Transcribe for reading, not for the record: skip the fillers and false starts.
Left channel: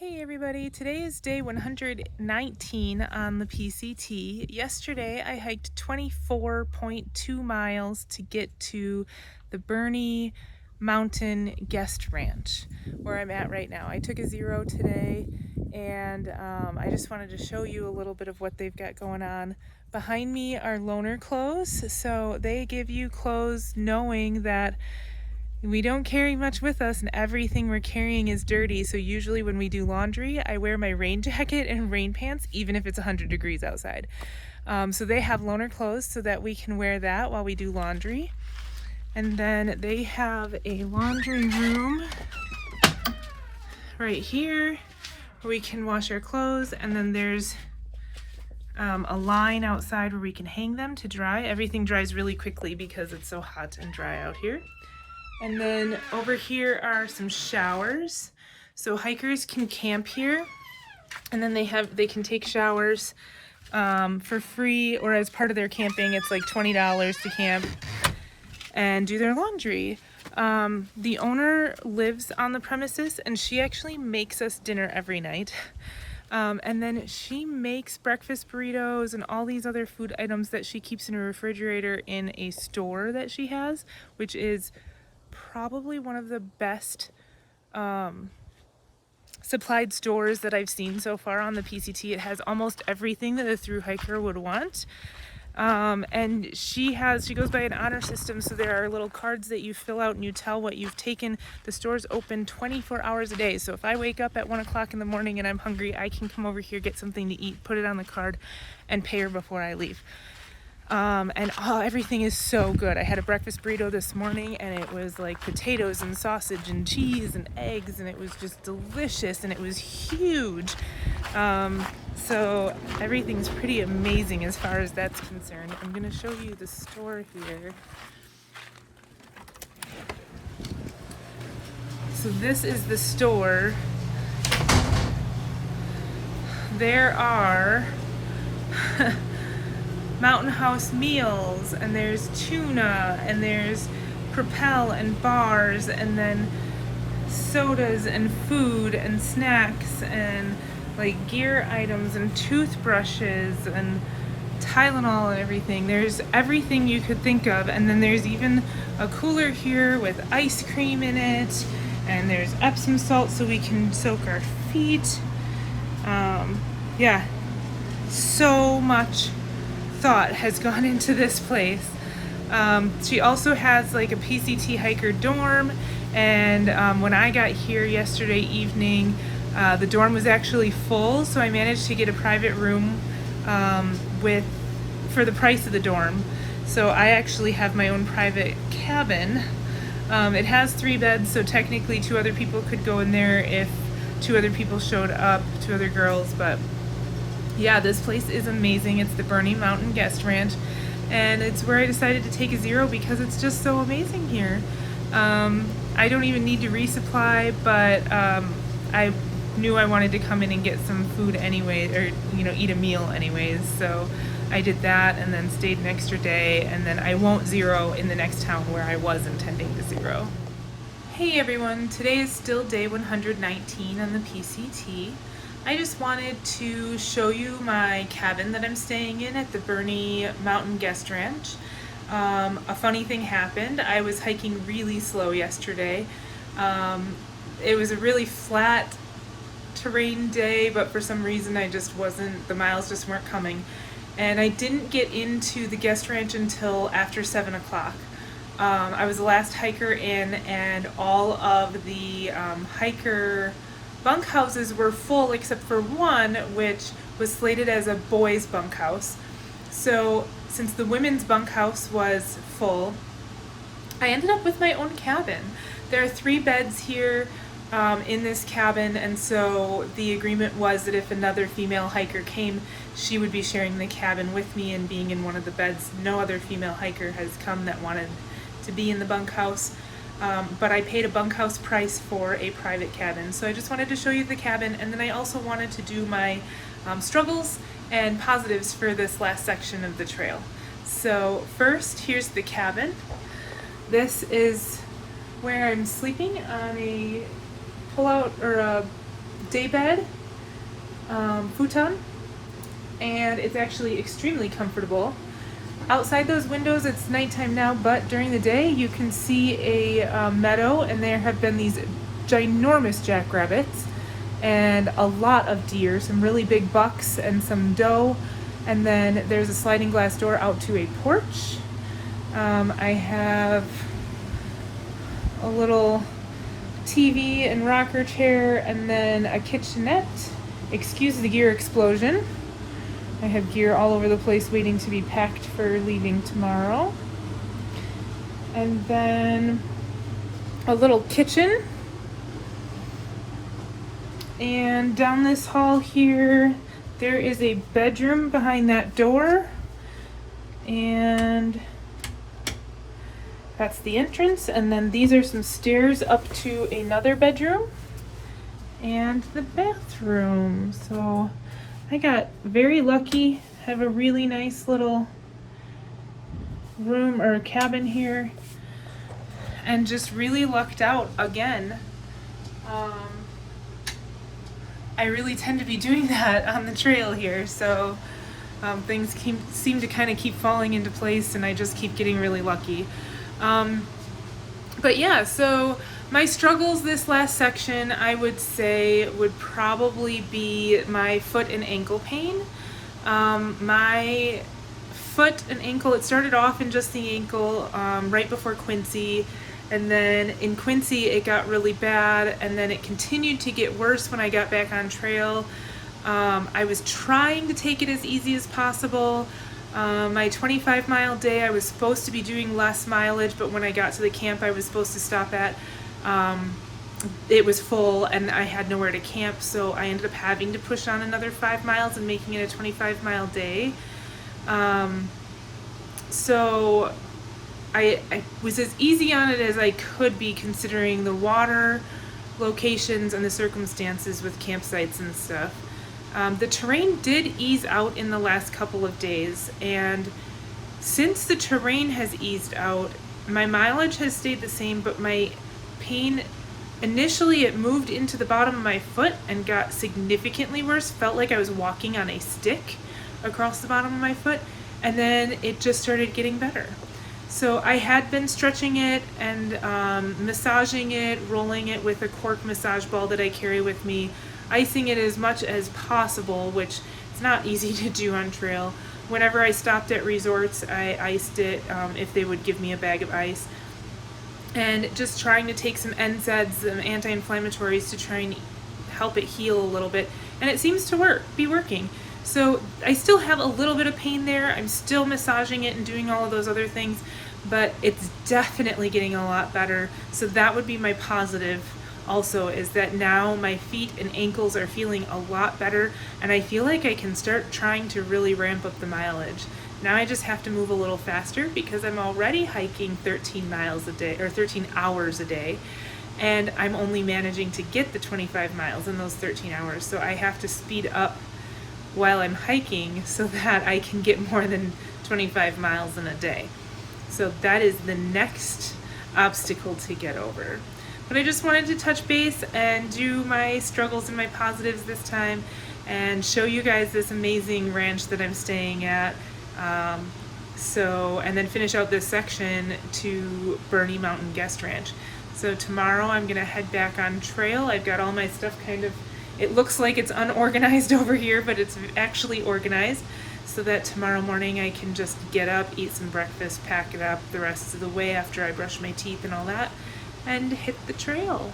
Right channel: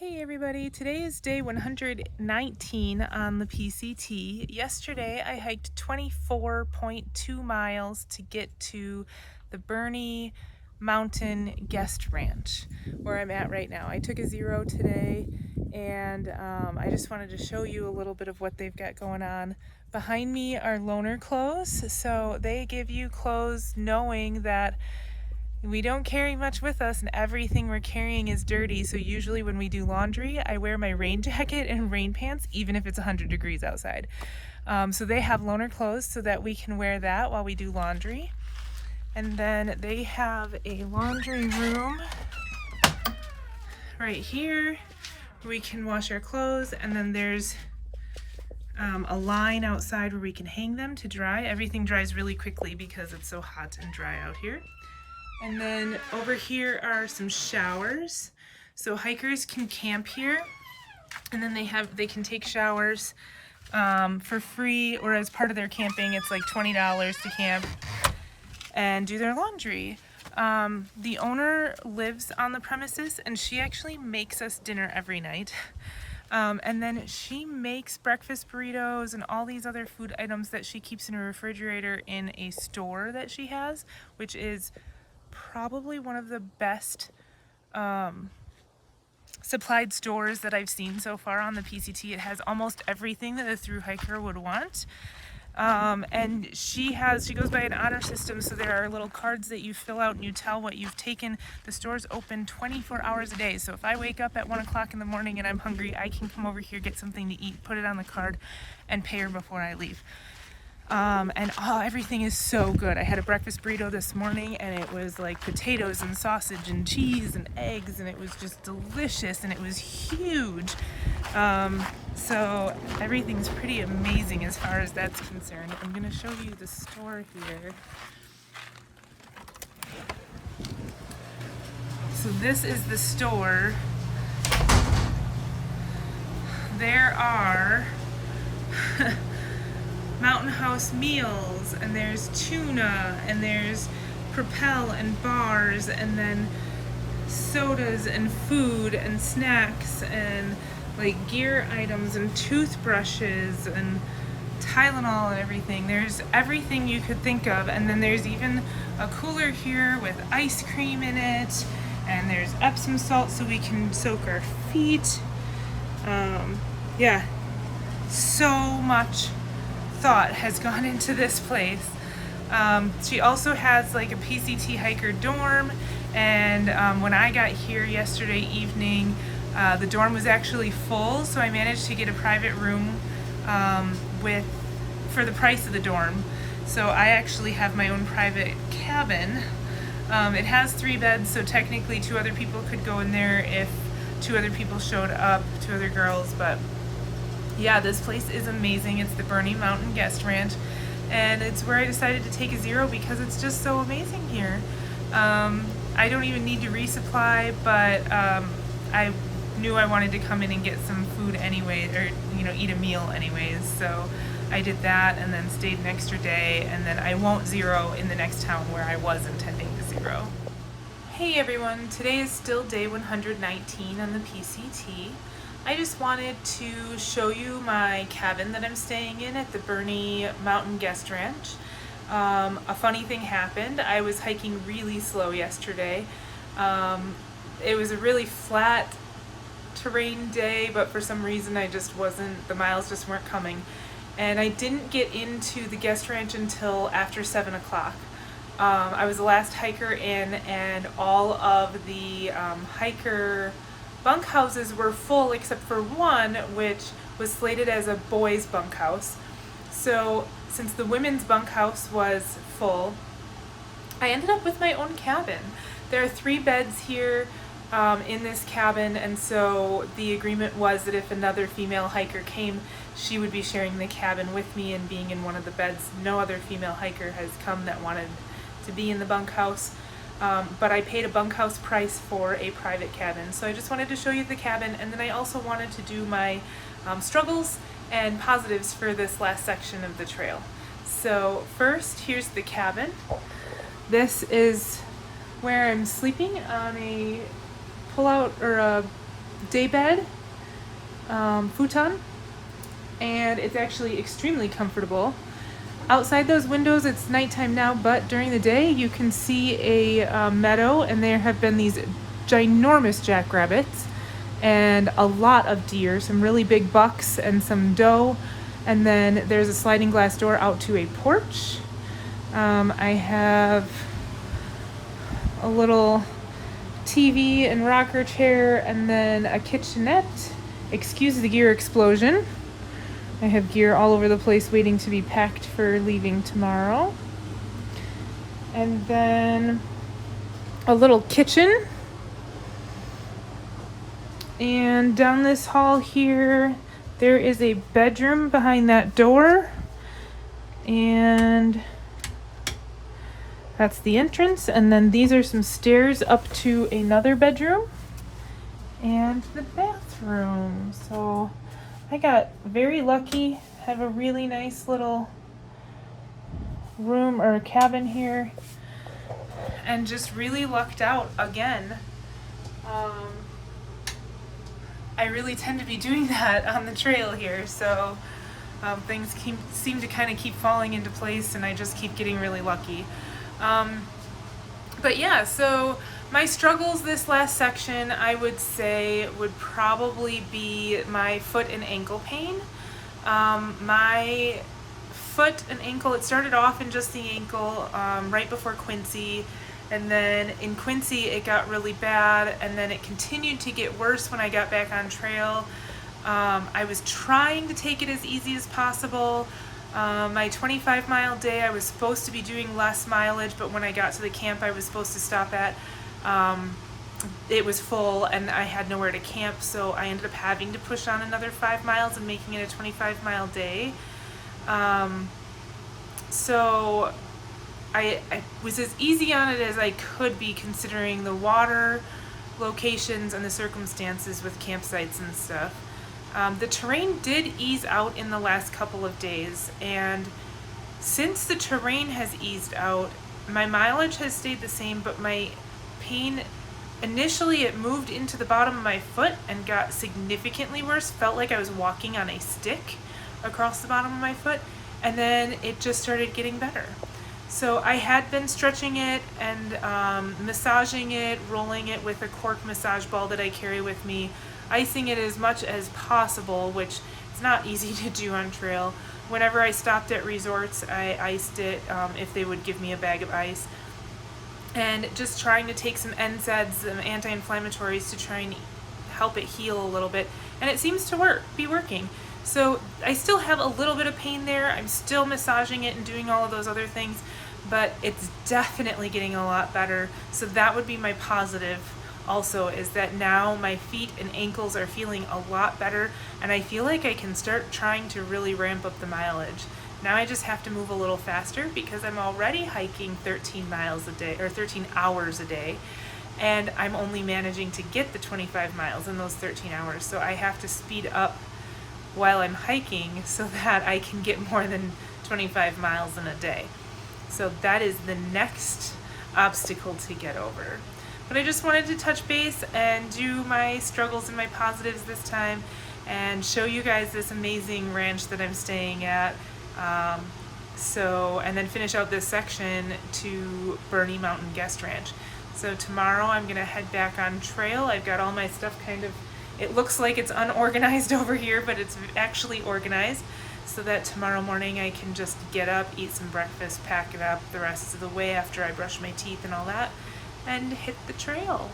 Hey everybody, today is day 119 on the PCT. Yesterday I hiked 24.2 miles to get to the Burney Mountain Guest Ranch, where I'm at right now. I took a zero today and I just wanted to show you a little bit of what they've got going on. Behind me are loaner clothes, so they give you clothes knowing that we don't carry much with us and everything we're carrying is dirty. So usually when we do laundry, I wear my rain jacket and rain pants, even if it's 100 degrees outside. So they have loaner clothes so that we can wear that while we do laundry. And then they have a laundry room right here where we can wash our clothes. And then there's a line outside where we can hang them to dry. Everything dries really quickly because it's so hot and dry out here. And then over here are some showers. So hikers can camp here, and then they can take showers for free, or as part of their camping, it's like $20 to camp and do their laundry. The owner lives on the premises, and she actually makes us dinner every night. And then she makes breakfast burritos and all these other food items that she keeps in her refrigerator in a store that she has, which is probably one of the best supplied stores that I've seen so far on the PCT. It has almost everything that a thru hiker would want. And she goes by an honor system, so there are little cards that you fill out and you tell what you've taken. The store's open 24 hours a day, so if I wake up at 1 o'clock in the morning and I'm hungry, I can come over here, get something to eat, put it on the card, and pay her before I leave. Everything is so good. I had a breakfast burrito this morning and it was like potatoes and sausage and cheese and eggs, and it was just delicious, and it was huge. So everything's pretty amazing as far as that's concerned. I'm gonna show you the store here. So this is the store. There are Mountain House meals, and there's tuna, and there's Propel and bars, and then sodas and food and snacks and like gear items and toothbrushes and Tylenol and everything. There's everything you could think of, and then there's even a cooler here with ice cream in it, and there's Epsom salt so we can soak our feet. Yeah, so much thought has gone into this place. She also has like a PCT hiker dorm, and when I got here yesterday evening, the dorm was actually full, so I managed to get a private room for the price of the dorm. So I actually have my own private cabin. It has 3 beds, so technically 2 other people could go in there if 2 other people showed up, 2 other girls. But yeah, this place is amazing. It's the Burney Mountain Guest Ranch, and it's where I decided to take a zero because it's just so amazing here. I don't even need to resupply, but I knew I wanted to come in and get some food anyway, or eat a meal anyways. So I did that and then stayed an extra day, and then I won't zero in the next town where I was intending to zero. Hey everyone, today is still day 119 on the PCT. I just wanted to show you my cabin that I'm staying in at the Burney Mountain Guest Ranch. A funny thing happened. I was hiking really slow yesterday. It was a really flat terrain day, but for some reason the miles just weren't coming. And I didn't get into the guest ranch until after 7 o'clock. I was the last hiker in, and all of the hiker bunkhouses were full except for one, which was slated as a boys' bunkhouse. So since the women's bunkhouse was full, I ended up with my own cabin. There are 3 beds here in this cabin, and so the agreement was that if another female hiker came, she would be sharing the cabin with me and being in one of the beds. No other female hiker has come that wanted to be in the bunkhouse. But I paid a bunkhouse price for a private cabin. So I just wanted to show you the cabin, and then I also wanted to do my struggles and positives for this last section of the trail. So first, here's the cabin. This is where I'm sleeping on a pull-out or a daybed futon, and it's actually extremely comfortable. Outside those windows, it's nighttime now, but during the day you can see a meadow, and there have been these ginormous jackrabbits and a lot of deer, some really big bucks and some doe, and then there's a sliding glass door out to a porch. I have a little TV and rocker chair, and then a kitchenette. Excuse the gear explosion. I have gear all over the place waiting to be packed for leaving tomorrow. And then a little kitchen. And down this hall here, there is a bedroom behind that door. And that's the entrance. And then these are some stairs up to another bedroom and the bathroom. So I got very lucky. I have a really nice little room or cabin here, and just really lucked out again. I really tend to be doing that on the trail here, so things seem to kind of keep falling into place, and I just keep getting really lucky. But yeah, so my struggles this last section, I would say, would probably be my foot and ankle pain. My foot and ankle, it started off in just the ankle right before Quincy, and then in Quincy it got really bad, and then it continued to get worse when I got back on trail. I was trying to take it as easy as possible. My 25-mile day, I was supposed to be doing less mileage, but when I got to the camp I was supposed to stop at, it was full and I had nowhere to camp, so I ended up having to push on another 5 miles and making it a 25-mile day. So I was as easy on it as I could be, considering the water, locations, and the circumstances with campsites and stuff. The terrain did ease out in the last couple of days, and since the terrain has eased out, my mileage has stayed the same, but my pain, initially it moved into the bottom of my foot and got significantly worse. Felt like I was walking on a stick across the bottom of my foot, and then it just started getting better. So I had been stretching it and massaging it, rolling it with a cork massage ball that I carry with me, icing it as much as possible, which it's not easy to do on trail. Whenever I stopped at resorts, I iced it if they would give me a bag of ice. And just trying to take some NSAIDs and anti-inflammatories to try and help it heal a little bit. And it seems to be working. So I still have a little bit of pain there. I'm still massaging it and doing all of those other things, but it's definitely getting a lot better. So that would be my positive also, is that now my feet and ankles are feeling a lot better, and I feel like I can start trying to really ramp up the mileage. Now I just have to move a little faster because I'm already hiking 13 miles a day, or 13 hours a day, and I'm only managing to get the 25 miles in those 13 hours. So I have to speed up while I'm hiking so that I can get more than 25 miles in a day. So that is the next obstacle to get over. But I just wanted to touch base and do my struggles and my positives this time and show you guys this amazing ranch that I'm staying at. And then finish out this section to Burney Mountain Guest Ranch. So tomorrow I'm gonna head back on trail. I've got all my stuff it looks like it's unorganized over here, but it's actually organized, so that tomorrow morning I can just get up, eat some breakfast, pack it up the rest of the way after I brush my teeth and all that, and hit the trail.